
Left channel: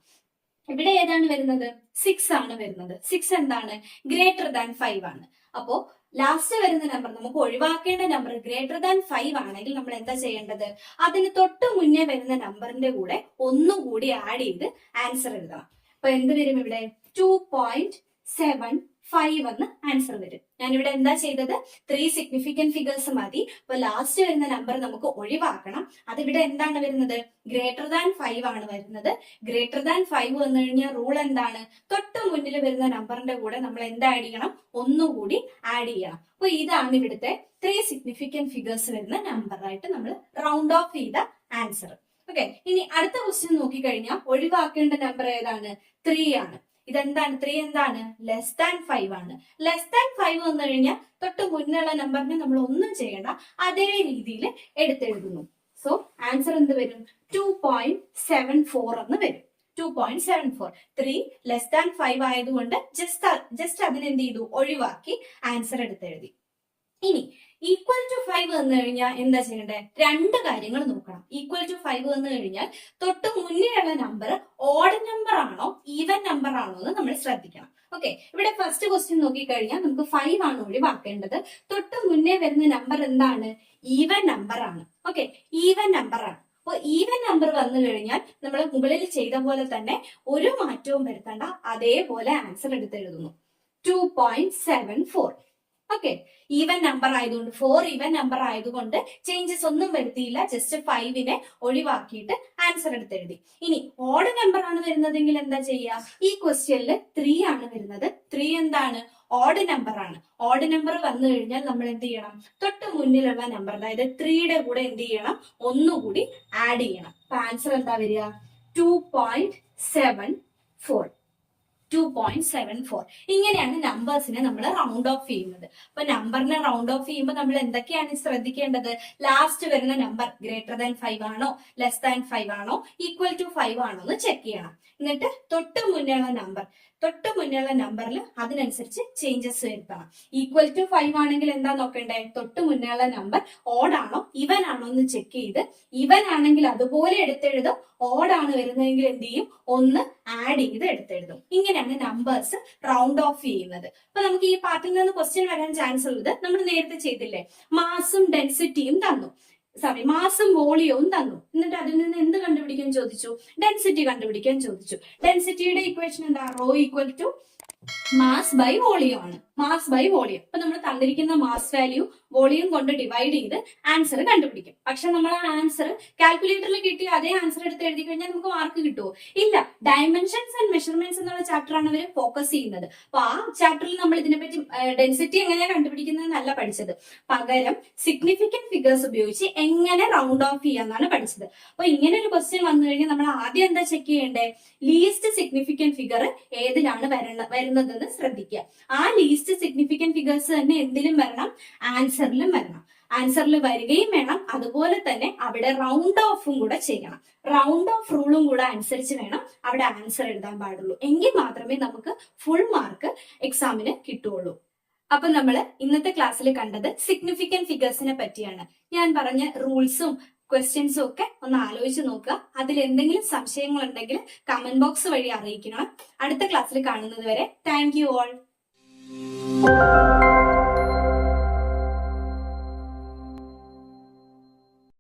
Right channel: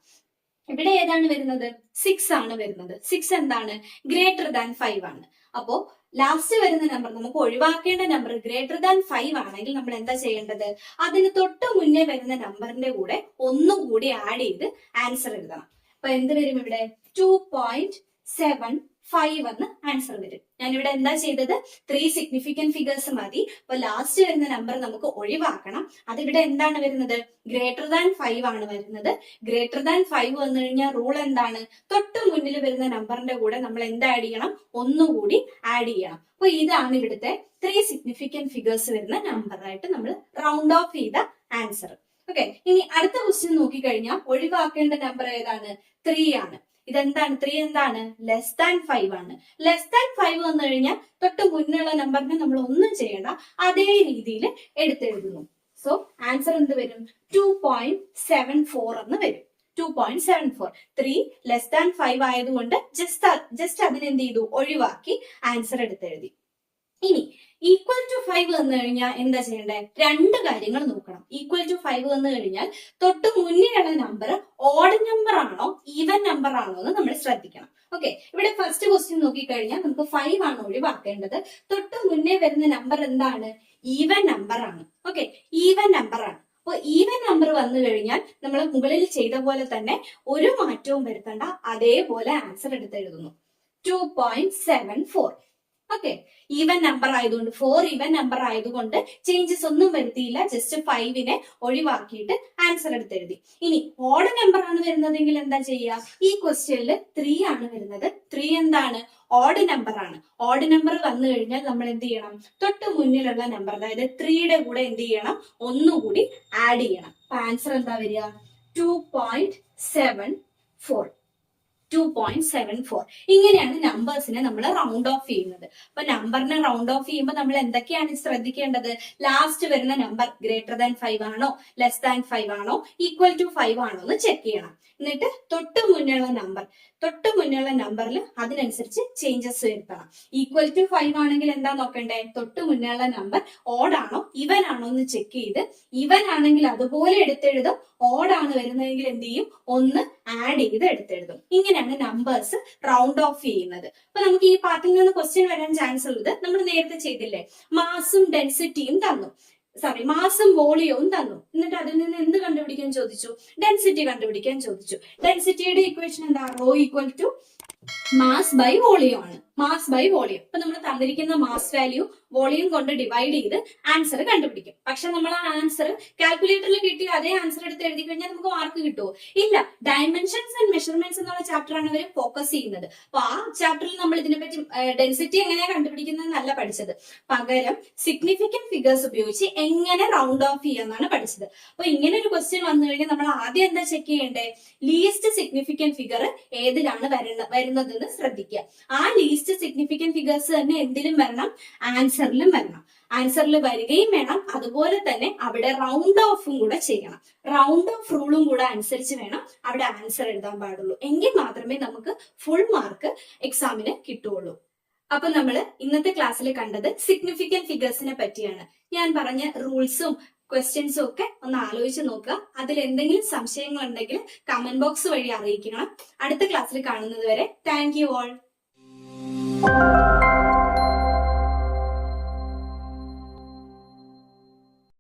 ഇവിടെ ഏതാണ് വരുന്നത്? 6 ആണ് വരുന്നത്. 6 എന്താണ്? ഗ്രേറ്റർ ദാൻ 5 ആണ്. അപ്പോ ലാസ്റ്റ് വരുന്ന നമ്പർ, നമുക്ക് ഒഴിവാക്കേണ്ട നമ്പർ ഗ്രേറ്റർ ദാൻ 5 ആണെങ്കിൽ നമ്മൾ എന്താ ചെയ്യേണ്ടത്? അതിന് തൊട്ട് മുന്നേ വരുന്ന നമ്പറിന്റെ കൂടെ ഒന്നുകൂടി ആഡ് ചെയ്ത് ആൻസർ എഴുതണം. അപ്പൊ എന്ത് വരും? ഇവിടെ 2.75 എന്ന് ആൻസർ വരും. ഞാനിവിടെ എന്താ ചെയ്തത്? 3 സിഗ്നിഫിക്കന്റ് ഫിഗേഴ്സ് മതി. അപ്പൊ ലാസ്റ്റ് വരുന്ന നമ്പർ നമുക്ക് ഒഴിവാക്കണം. അതിവിടെ എന്താണ് വരുന്നത്? ഗ്രേറ്റർ ദാൻ 5 ആണ് വരുന്നത്. ഗ്രേറ്റർ ദാൻ 5 വന്നു കഴിഞ്ഞാൽ റൂൾ എന്താണ്? തൊട്ട് മുന്നിൽ വരുന്ന നമ്പറിന്റെ കൂടെ നമ്മൾ എന്ത് ആഡ് ചെയ്യണം? ഒന്നുകൂടി ആഡ് ചെയ്യണം. അപ്പൊ ഇതാണ് ഇവിടുത്തെ 3 സിഗ്നിഫിക്കന്റ് ഫിഗേഴ്സ് വരുന്ന നമ്പറായിട്ട് നമ്മൾ റൗണ്ട് ഓഫ് ചെയ്ത ആൻസർ. ഓക്കെ, ഇനി അടുത്ത ക്വസ്റ്റ്യൻ നോക്കിക്കഴിഞ്ഞാൽ ഒഴിവാക്കേണ്ട നമ്പർ ഏതാണ്? 3 ആണ്. ഇതെന്താണ്? 3 എന്താണ്? ലെസ് ദാൻ 5 ആണ്. ലെസ് ദാൻ 5 വന്നു കഴിഞ്ഞാൽ തൊട്ട് മുന്നുള്ള നമ്പറിനെ നമ്മൾ ഒന്നും ചെയ്യണ്ട, അതേ രീതിയിൽ എടുത്തെഴുതുന്നു. സോ ആൻസർ എന്ത് വരും? 2.74 എന്ന് വരും. 2.74. 3 ലെസ് ദാൻ 5 ആയതുകൊണ്ട് ജസ്റ്റ് അതിനെന്ത് ചെയ്തു? ഒഴിവാക്കി ആൻസർ എടുത്തെഴുതി. ഇനി ഈക്വൽ ടു 5 വന്നു കഴിഞ്ഞാൽ എന്താ ചെയ്യേണ്ടത്? 2 കാര്യങ്ങൾ നോക്കണം. ഈക്വൽ ടു 5 വന്നു കഴിഞ്ഞാൽ തൊട്ട് മുന്നിലുള്ള നമ്പർ ഓഡ് നമ്പർ ആണോ ഈവൻ നമ്പർ ആണോ എന്ന് നമ്മൾ ശ്രദ്ധിക്കണം. ഓക്കെ, ഇവിടെ ഫസ്റ്റ് ക്വസ്റ്റ്യൻ നോക്കിക്കഴിഞ്ഞാൽ നമുക്ക് 5 ആണ് ഒഴിവാക്കേണ്ടത്. തൊട്ട് മുന്നേ വരുന്ന നമ്പർ എന്താണ്? ഈവൻ നമ്പർ ആണ്. ഓക്കെ, ഈവൻ നമ്പർ ആണ്. അപ്പൊ ഈവൻ നമ്പർ വന്നു കഴിഞ്ഞാൽ നമ്മൾ മുകളിൽ ചെയ്ത പോലെ തന്നെ ഒരു മാറ്റവും വരുത്തണ്ട, അതേപോലെ ആൻസർ എടുത്തെഴുതുന്നു. 2.74. ഓക്കെ, ഈവൻ നമ്പർ ആയതുകൊണ്ട് 4 ഈവൻ നമ്പർ ആയതുകൊണ്ട് ചേഞ്ചസ് ഒന്നും വരുത്തിയില്ല, ജസ്റ്റ് 5നെ ഒഴിവാക്കിയിട്ട് ആൻസർ എടുത്തെഴുതി. ഇനി ഓഡ് നമ്പർ ആണ് വരുന്നതെങ്കിൽ എന്താ ചെയ്യുക? ഈ ക്വസ്റ്റ്യനിൽ 3 ആണ് വരുന്നത്. 3 എന്താണ്? ഓഡ് നമ്പർ ആണ്. ഓഡ് നമ്പർ വന്നു കഴിഞ്ഞാൽ നമ്മൾ എന്ത് ചെയ്യണം? തൊട്ട് മുന്നിലുള്ള നമ്പർ, അതായത് 3യുടെ കൂടെ എന്ത് ചെയ്യണം? ഒന്നുകൂടി ആഡ് ചെയ്യണം. അപ്പൊ ആൻസർ എന്താ വരിക? 2.74. 2.74. ഇങ്ങനെയാണ് നമ്പേഴ്സിനെ നമ്മൾ റൗണ്ട് ഓഫ് ചെയ്യുന്നത്. അപ്പൊ നമ്പറിനെ റൗണ്ട് ഓഫ് ചെയ്യുമ്പോൾ നമ്മൾ എന്തൊക്കെയാണ് ശ്രദ്ധിക്കേണ്ടത്? ലാസ്റ്റ് വരുന്ന നമ്പർ ഗ്രേറ്റർ ദാൻ 5 ആണോ, ലെസ് ദാൻ 5 ആണോ, ഈക്വൽ ടു 5 ആണോ എന്ന് ചെക്ക് ചെയ്യണം. എന്നിട്ട് തൊട്ട് മുന്നുള്ള നമ്പർ തൊട്ട് മുന്നേയുള്ള നമ്പറിൽ അതിനനുസരിച്ച് ചേഞ്ചസ് വരുത്തണം. ഈക്വൽ ടു 5 ആണെങ്കിൽ എന്താ നോക്കണ്ടേ? തൊട്ട് മുന്നേയുള്ള നമ്പർ ഓഡ് ആണോ ഇവൻ ആണോ എന്ന് ചെക്ക് ചെയ്ത്, ഇവൻ ആണെങ്കിൽ അതുപോലെ എടുത്തെഴുതും, ഓഡ് ആണ് വരുന്നതെങ്കിൽ എന്ത് ചെയ്യും? ഒന്ന് ആഡ് ചെയ്ത് എടുത്തെഴുതും. ഇങ്ങനെയാണ് നമ്പേഴ്സ് റൗണ്ട് ഓഫ് ചെയ്യുന്നത്. അപ്പൊ നമുക്ക് ഈ പാർട്ടിൽ നിന്ന് ക്വസ്റ്റ്യൻ വരാൻ ചാൻസ് ഉള്ളത് നമ്മൾ നേരത്തെ ചെയ്തില്ലേ, മാസും ഡെൻസിറ്റിയും തന്നു, മാസും വോളിയവും തന്നു, എന്നിട്ട് അതിൽ നിന്ന് എന്ത് കണ്ടുപിടിക്കാൻ ചോദിച്ചു? ഡെൻസിറ്റി കണ്ടുപിടിക്കാൻ ചോദിച്ചു. ഡെൻസിറ്റിയുടെ ഇക്വേഷൻ എന്താ? Rho equal to mass by volume ആണ്. Mass by volume. അപ്പൊ നമ്മൾ തന്നിരിക്കുന്ന മാസ് വാല്യൂ വോളിയം കൊണ്ട് ഡിവൈഡ് ചെയ്ത് ആൻസർ കണ്ടുപിടിക്കും. പക്ഷെ നമ്മൾ ആ ആൻസർ കാൽക്കുലേറ്ററിൽ കിട്ടിയ അതേ ആൻസർ എടുത്ത് എഴുതി കഴിഞ്ഞാൽ നമുക്ക് മാർക്ക് കിട്ടുമോ? ഇല്ല. ഡയമെൻഷൻസ് ആൻഡ് മെഷർമെന്റ്സ് എന്നുള്ള ചാപ്റ്ററാണ് ഇവർ ഫോക്കസ് ചെയ്യുന്നത്. അപ്പൊ ആ ചാപ്റ്ററിൽ നമ്മൾ ഇതിനെപ്പറ്റി ഡെൻസിറ്റി എങ്ങനെയാണ് കണ്ടുപിടിക്കുന്നതെന്നല്ല പഠിച്ചത്, പകരം സിഗ്നിഫിക്കന്റ് ഫിഗേഴ്സ് ഉപയോഗിച്ച് എങ്ങനെ റൗണ്ട് ഓഫ് ചെയ്യാന്നാണ് പഠിച്ചത്. അപ്പൊ ഇങ്ങനെ ഒരു ക്വസ്റ്റ്യൻ വന്നു കഴിഞ്ഞാൽ നമ്മൾ ആദ്യം എന്താ ചെക്ക് ചെയ്യേണ്ടേ? ലീസ്റ്റ് സിഗ്നിഫിക്കന്റ് ഫിഗർ ഏതിലാണ് വരുന്നതെന്ന് ശ്രദ്ധിക്കുക. ആ ലീസ്റ്റ് സിഗ്നിഫിക്കന്റ് ഫിഗേഴ്സ് തന്നെ എന്തിലും വരണം? ആൻസറിലും വരണം. ആൻസറിൽ വരികയും വേണം, അതുപോലെ തന്നെ അവിടെ റൗണ്ട് ഓഫും കൂടെ ചെയ്യണം. റൗണ്ട് ഓഫ് റൂളും കൂടെ അനുസരിച്ച് വേണം അവിടെ ആൻസർ എഴുതാൻ പാടുള്ളൂ. എങ്കിൽ മാത്രമേ നമുക്ക് ഫുൾ മാർക്ക് എക്സാമിന് കിട്ടുള്ളൂ. അപ്പൊ നമ്മൾ ഇന്നത്തെ ക്ലാസ്സിൽ കണ്ടത് സിഗ്നിഫിക്കന്റ് ഫിഗേഴ്സിനെ പറ്റിയാണ്. ഞാൻ പറഞ്ഞ റൂൾസും ക്വസ്റ്റ്യൻസും ഒക്കെ ഒന്ന് ആലോചിച്ച് നോക്കുക. അതിൽ എന്തെങ്കിലും സംശയങ്ങൾ ഉണ്ടെങ്കിൽ കമന്റ് ബോക്സ് വഴി അറിയിക്കണം. അടുത്ത ക്ലാസ്സിൽ കാണുന്നത് വരെ താങ്ക് യു ഓൾ.